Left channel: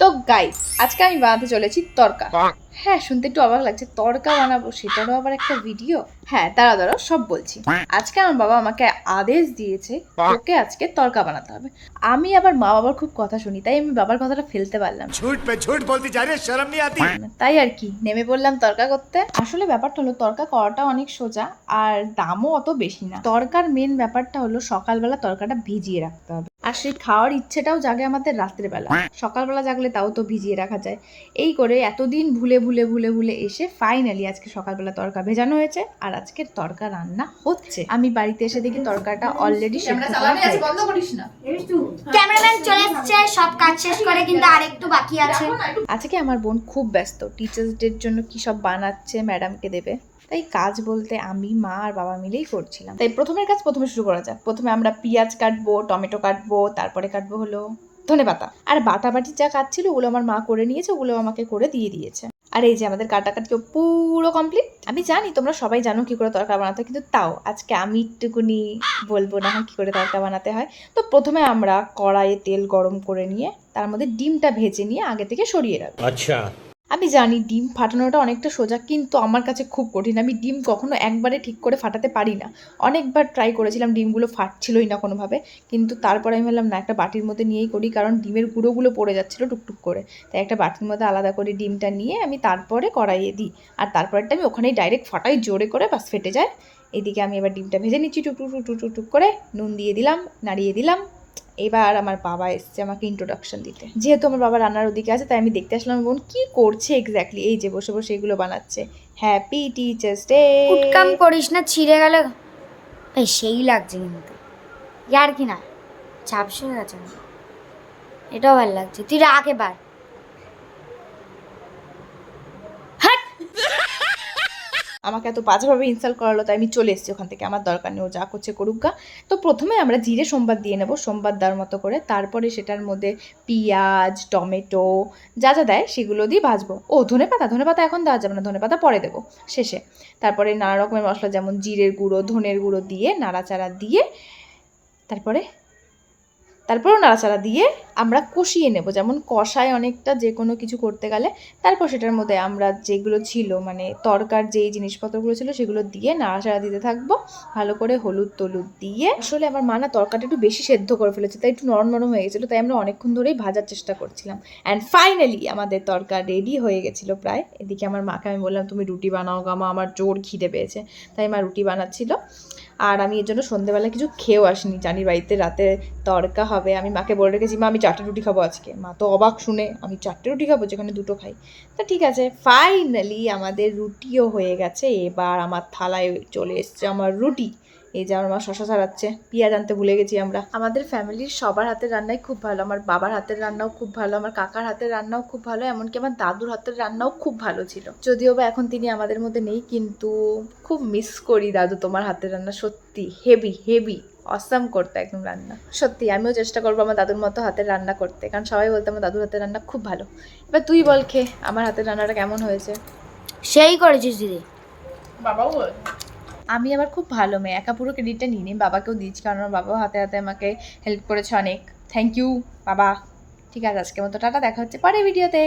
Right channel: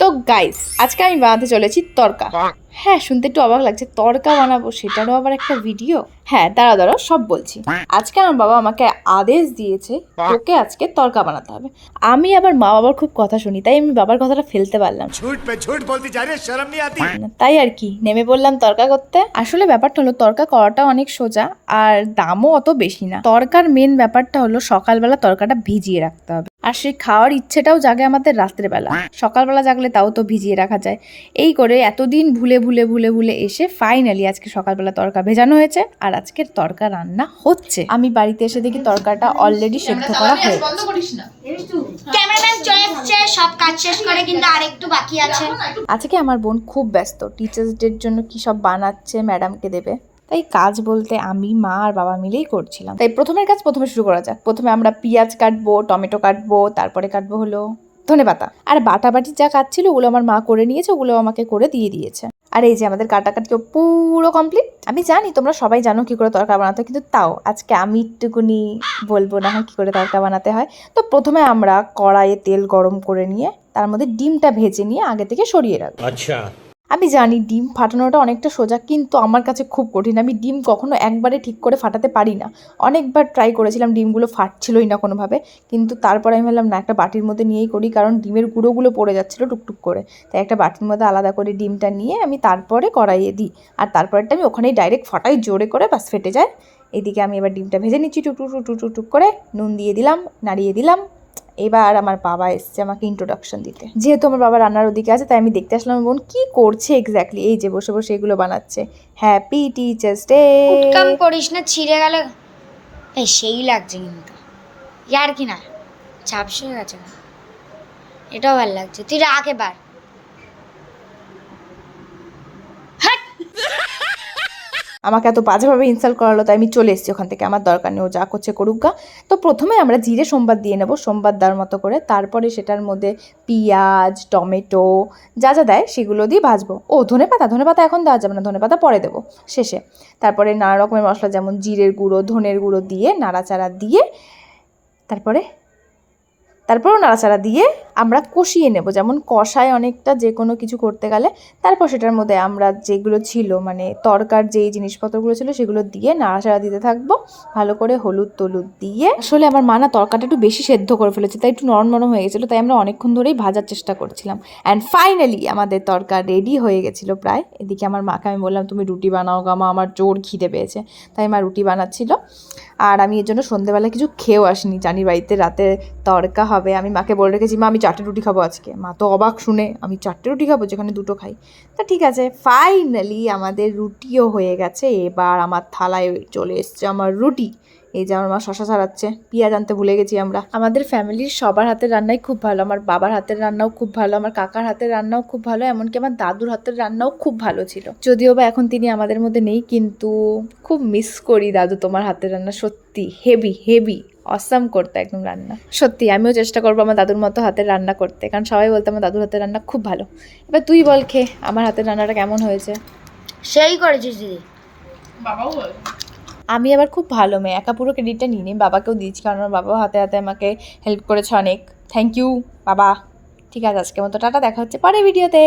তো গাইস আজকে আমি বানাতে চলেছি তড়কা। হ্যাঁ, শুনতে একটু অবাক লাগছে, তড়কা বানাবো সেটারও আবার একটা ভিডিও। হ্যাঁ, দাঁড়াও সব বলছি। আজকে আমার বাবা আমাকে আদেশ দিয়েছে তোকে আজকে তড়কা বানাতে হবে। আমি আবার মা বাবার খুব কথা শুনি, তাই আমি বাবার কথাটা ফেলতে পারলাম झूठ बोलती जा रही है, शर्म नहीं आती। তাই আর কি নেমে পড়লাম তড়কা করতে। আসলে ব্যাপারটা হলো তড়কা করাটা অনেক সোজা আর দামও অত বেশি না। তড়কার মেন ব্যাপারটা হলো সকালবেলা তড়কাটা ভিজিয়ে রাখতে হবে, আর সেই খাওয়ার ইচ্ছেটাও জাগে আমাদের রাত্রেবেলা। সকালবেলা জাগলে তাও তো ভিজিয়ে রাখা যায়। এই করে এতদিন ভুলে ভুলে ভুলে ভুলে এসে ফাইনালি আজকে সকালবেলা তড়কা ভেজানো হয়েছে আর আজকের তড়কা রান্না হচ্ছে। আমি বাড়িতে এসে দেখি তড়কাটা অলরেডি সেদ্ধ করা হয়ে গেছে। ক্যামেরাম্যান চলে এসেছে সব কাজ শেষ করে, কিন্তু আরেকটু বাকি আছে। আজকে আমার বোন খুব ব্যস্ত, টিচার্স ডের জন্য কি সব বানাচ্ছে, ম্যাডামকে দেবে। তাই কাজ বলতে আমি, মা আর বাবা মিলেই করছিলাম। তাই প্রথমের কাজ প্রথমে শুরু করা যাক। প্রথমে আমরা পেঁয়াজ কাটবো, টমেটো কাটবো, তারপরে কাটবো হলো ধনেপাতা। আর বাটাবাটি যা কাজ ছিল ওগুলো আমার মা করে নিয়েছে, ওগুলো আমাকে করে দিয়ে দিয়েছে। আর এই যে আমাদের কাটাকাটি পুরো কমপ্লিট। আমি জানি তোমরা সবাই জানো কি করে তড়কা বানাতে হয়, কিন্তু তাও আজকে আমি একটুকুনি বলবো না কি করে তড়কা বানাতে হয়। তো প্রথমে আমরা কড়াইয়ে তেল গরম করে নিয়ে তার মধ্যে ডিমটা ভেজে নিয়ে আগে থেকে সরিয়ে রাখবো। अच्छा আমি জানি ডিম ফাটানোটা অনেকটা সোজা, কিন্তু আমার কাছে খুব কঠিন। আমি ডিম কখনো একবারে ঠিক করে ফাটাতে পারি না। অনেকবার ট্রাই করেছিলাম, ডিমগুলো ফাটছিলই না কোনোভাবে। কিন্তু তারপর আমি ভাবলাম না, একটা বাটির মধ্যে নিয়েই করি, কারণ ডিমের গুঁড়োগুলো পড়ে যাচ্ছিলো টুকটুক করে। তাই একটা বাটির মধ্যে আলাদা করে ডিমটা নিয়ে আমি তারপরে কড়াইয়ে দিই, আর তারপরেরটা আমি ওখানেই ডাইরেক্ট ফাটাই জোরে করে, বাস ফেটে যায়। এদিকে আমি এবার ডিমটা ভেজে নিচ্ছি টুক টুক টুক টুক টুক করে, নুন দিয়ে দিলাম, নাড়িয়ে দিলাম। এবার আমার বাবা এসছে আমাকে ইন্ট্রোডাকশন দিতে। যেহেতু আমার বাবা রান্নার ওদিকে আছে, তাই আমি দেখতে আসলাম আমার বোন কী করছে এক্স্যাক্টলি। এই যে বসে বসে এগুলো বানাচ্ছে। Happy teachers day. উটকাম করিস না, ছিঁড়ে গেলে এই সেই লাগছে কিন্তু। ইয়ার কি না ঝাপসে হয়ে গেছে না, এটাও ভালো লাগছে। তুই রাখ এবার। আমাকে এত বাজেভাবে ইনসাল্ট করালো, তাই আমি চলে এসেছি ওখান থেকে। আমার দরকার নেই, ও যা করছে করুক গা। তো প্রথমে আমরা জিরে সোমবার দিয়ে নেবো, সোমবার দেওয়ার মতো করে। তারপরে সেটার মধ্যে পেঁয়াজ, টমেটো যা যা দেয় সেগুলো দিয়ে ভাজবো। ও ধনেপাতা এখন দেওয়া যাবে না, ধনেপাতা পরে দেবো শেষে। তারপরে নানা রকমের মশলা যেমন জিরের গুঁড়ো, ধনের গুঁড়ো দিয়ে নাড়াচাড়া দিয়ে তারপরেও নাড়াচাড়া দিয়ে আমরা কষিয়ে নেব, যেমন কষায় অনেকটা যে কোনো কিছু করতে গেলে। তারপর সেটার মধ্যে আমরা যেগুলো ছিল মানে তরকার যেই জিনিসপত্রগুলো ছিল সেগুলো দিয়ে নাড়াচাড়া দিতে থাকবো ভালো করে, হলুদ টলুদ দিয়ে। আসলে আমার মা না তরকাটা একটু বেশি সেদ্ধ করে ফেলেছে, তাই একটু নরম নরম হয়ে গেছিলো, তাই আমরা অনেকক্ষণ ধরেই ভাজার চেষ্টা করছিলাম। অ্যান্ড ফাইনালি আমাদের তরকা রেডি হয়ে গেছিলো প্রায়। এদিকে আমার মাকে আমি বললাম তুমি রুটি বানাও গা মা, আমার জোর খিদে পেয়েছে। তাই মা রুটি বানাচ্ছিল, আর আমি এর জন্য সন্ধ্যেবেলা কিছু খেয়েও আসিনি। জানি বাড়িতে রাতে তড়কা হবে। আমি মাকে বলে রেখেছি মা আমি 4টে রুটি খাবো আজকে। মা তো অবাক শুনে, আমি 4টে রুটি খাবো যেখানে 2টো খাই। তো ঠিক আছে, ফাইনালি আমাদের রুটিও হয়ে গেছে। এবার আমার থালায় চলে এসছে আমার রুটি। এই যে আমার মা শশা ছাড়াচ্ছে, পেঁয়াজ আনতে ভুলে গেছি আমরা। আমাদের ফ্যামিলির সবার হাতের রান্নাই খুব ভালো। আমার বাবার হাতের রান্নাও খুব ভালো, আমার কাকার হাতের রান্নাও খুব ভালো, এমনকি আমার দাদুর হাতের রান্নাও খুব ভালো ছিল। যদিও বা এখন তিনি আমাদের মধ্যে নেই, কিন্তু খুব মিস করি দাদু তোমার হাতের রান্না। সত্যি হেভি হেভি অসাম করতে একদম রান্না। সত্যি আমিও চেষ্টা করবো আমার দাদুর মতো হাতের রান্না করতে, কারণ সবাই বলতে আমার দাদুর হাতের রান্না খুব ভালো। এবার তুই বল খেয়ে আমার হাতের রান্নাটা কেমন হয়েছে। সেই করেছিস দিদি। বাবাও বল। আমি আবার খুব ভালো মেয়ে, একা পুরো ক্রেডিটটা নিয়ে নিই, বাবাকেও দিয়েছি, কারণ আমার বাবাও হাতে হাতে আমাকে হেল্প করেছে অনেক। থ্যাংক ইউ বাবা। ঠিক আছে, আজকের মতো টাটা, দেখা হচ্ছে পরের ভিডিওতে।